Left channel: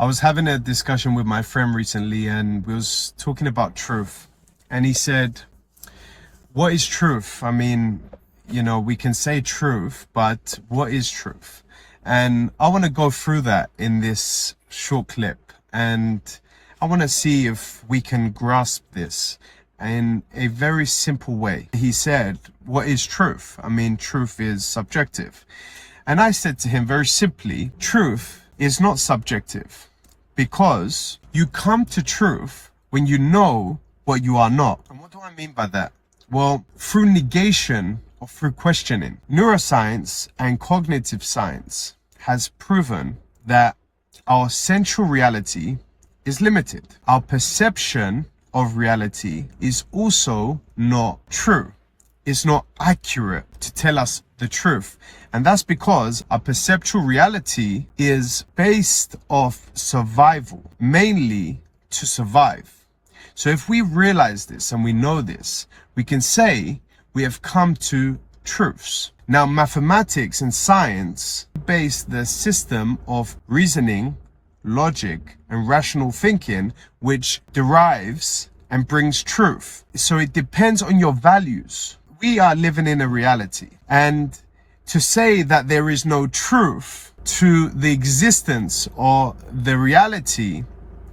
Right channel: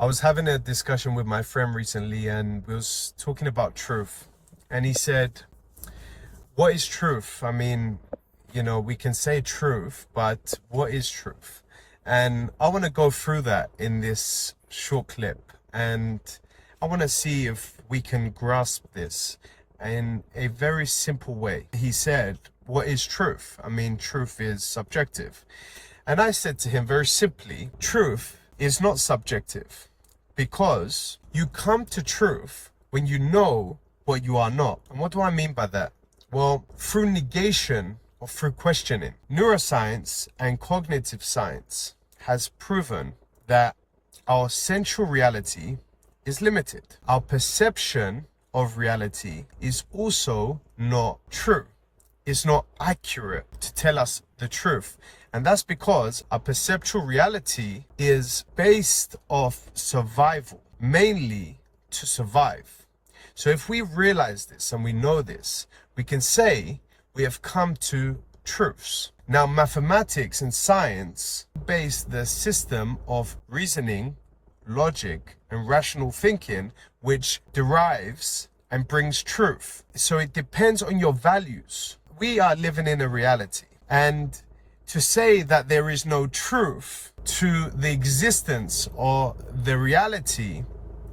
I was having a discussion with my friend recently and we was talking about truth. And he said, what is truth? I mean, we can say truth, but what is truth? And I want to go through that in this short clip. And I want to see if we can grasp this in a very simple way. He said, what is truth? I mean, truth is subjective. And I said to him very simply, truth is not subjective. Because you come to truth when you know what you are not. And what do I mean by that? Well, through negation or through questioning. Neuroscience and cognitive science has proven that our central reality is limited. Our perception of reality is also not true. It's not accurate to tell us the truth. And that's because our perceptual reality is based off survival, mainly to survive. So if we realize this and we know this, we can say we have come to truths. Now, mathematics and science base the system of reasoning, logic, and rational thinking, which derives and brings truth. So it depends on your values. We are living in a reality. And to say that there is no truth to the existence or the reality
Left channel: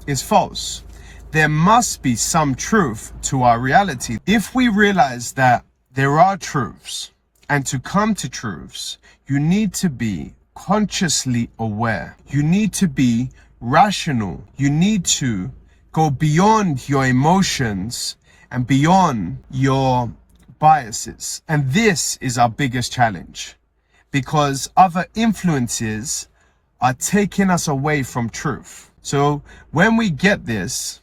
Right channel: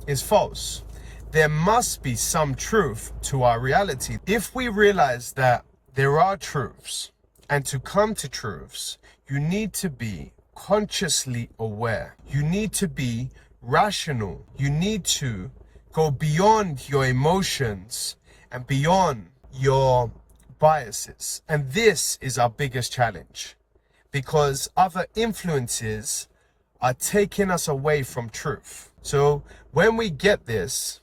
is false. There must be some truth to our reality. If we realize that there are truths, and to come to truths, you need to be consciously aware. You need to be rational. You need to go beyond your emotions and beyond your biases. And this is our biggest challenge, because other influences are taking us away from truth. So when we get this,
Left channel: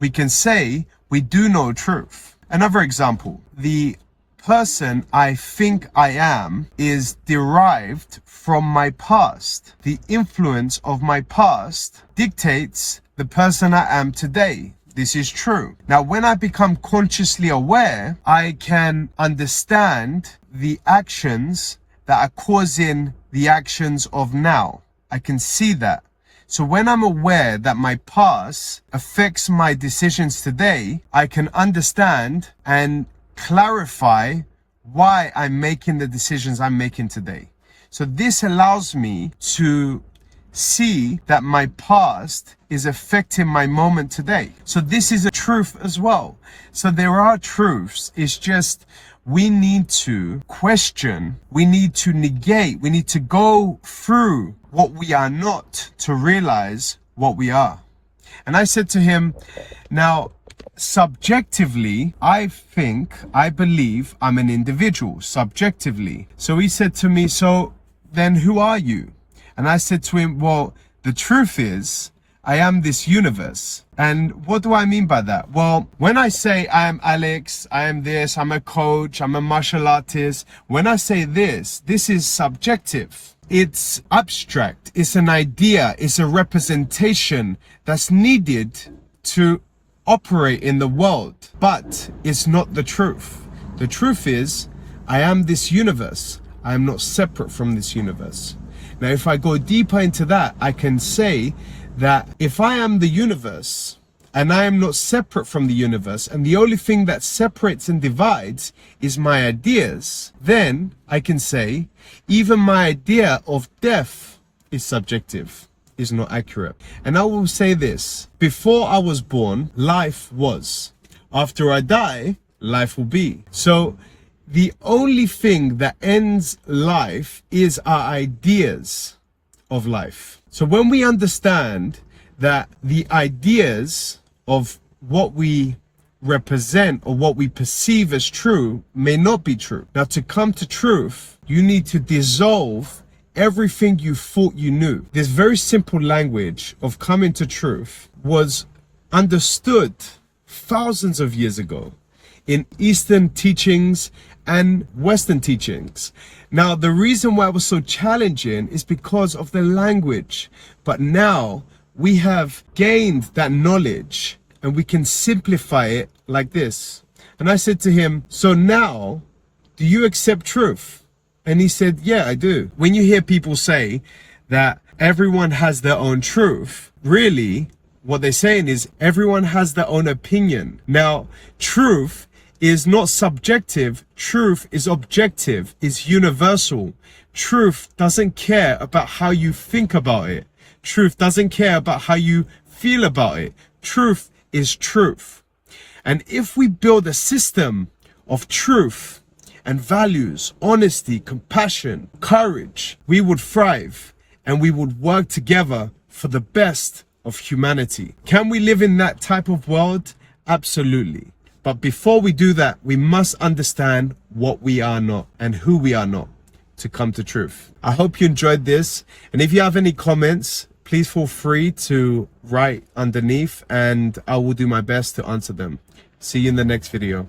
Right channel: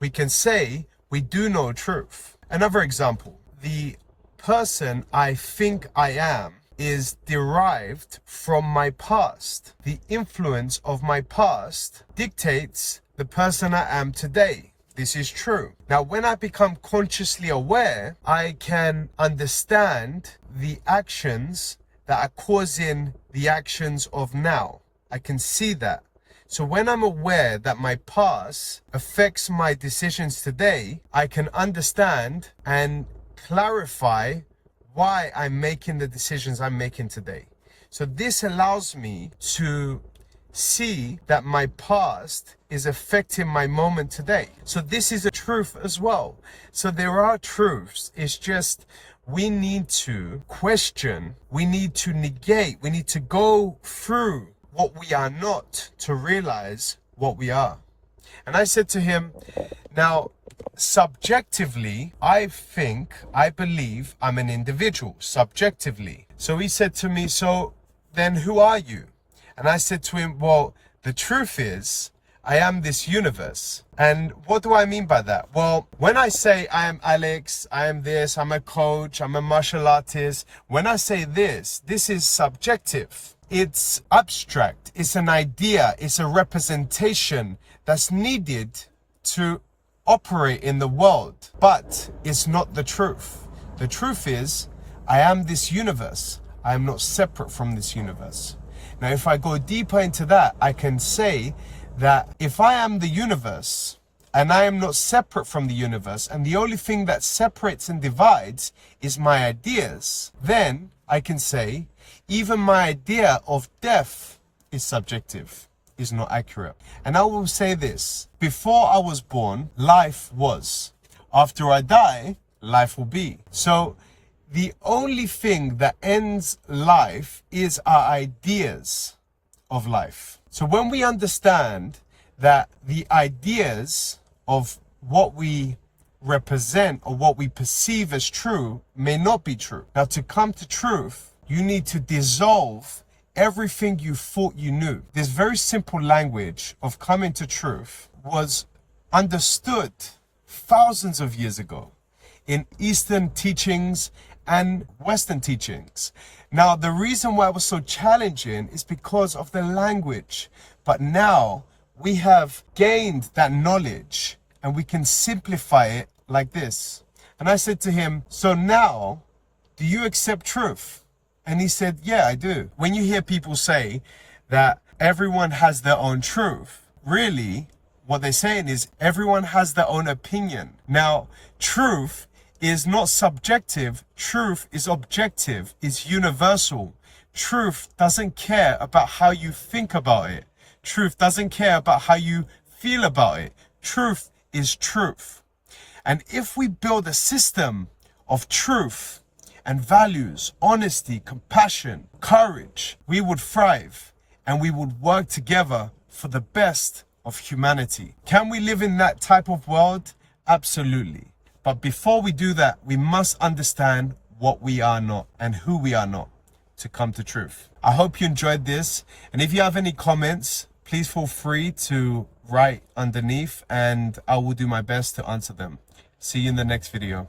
we can say we do know truth. Another example, the person I think I am is derived from my past. The influence of my past dictates the person I am today. This is true. Now, when I become consciously aware, I can understand the actions that are causing the actions of now. I can see that. So when I'm aware that my past affects my decisions today, I can understand and clarify why I'm making the decisions I'm making today. So this allows me to see that my past is affecting my moment today. So this is a truth as well. So there are truths. It's just we need to question, we need to negate, we need to go through what we are not to realize what we are. And I said to him, now, subjectively, I believe I'm an individual, subjectively. So he said to me, so then who are you? And I said to him, well, the truth is, I am this universe. And what do I mean by that? Well, when I say I am Alex, I am this, I'm a coach, I'm a martial artist. When I say this is subjective. It's abstract. It's an idea. It's a representation that's needed to operate in the world, but it's not the truth. The truth is, I am this universe. I am not separate from this universe. Now, if I go deeper into that, I can say that if I am the universe and I am not separate from the universe, and the only thing that separates and divides is my ideas, then I can say even my idea of death is subjective, is not accurate. And I will say this, before I was born, life was. After I die, life will be. So the only thing that ends life is our ideas of life. So when we understand that the ideas of what we represent or what we perceive as true may not be true. Now, to come to truth, you need to dissolve everything you thought you knew. This very simple language of coming to truth was understood thousands of years ago in Eastern teachings and Western teachings. Now, the reason why it was so challenging is because of the language. But now we have gained that knowledge and we can simplify it like this. And I said to him, so now, do you accept truth? And he said, yeah, I do. When you hear people say that everyone has their own truth. Really, what they're saying is everyone has their own opinion. Now, truth is not subjective. Truth is objective, is universal. Truth doesn't care about how you think about it. Truth doesn't care about how you feel about it. Truth is truth. And if we build a system of truth and values, honesty, compassion, courage, we would thrive and we would work together for the best of humanity. Can we live in that type of world? Absolutely. But before we do that, we must understand what we are not and who we are not to come to truth. I hope you enjoyed this. And if you have any comments, please feel free to write underneath and I will do my best to answer them. See you in the next video.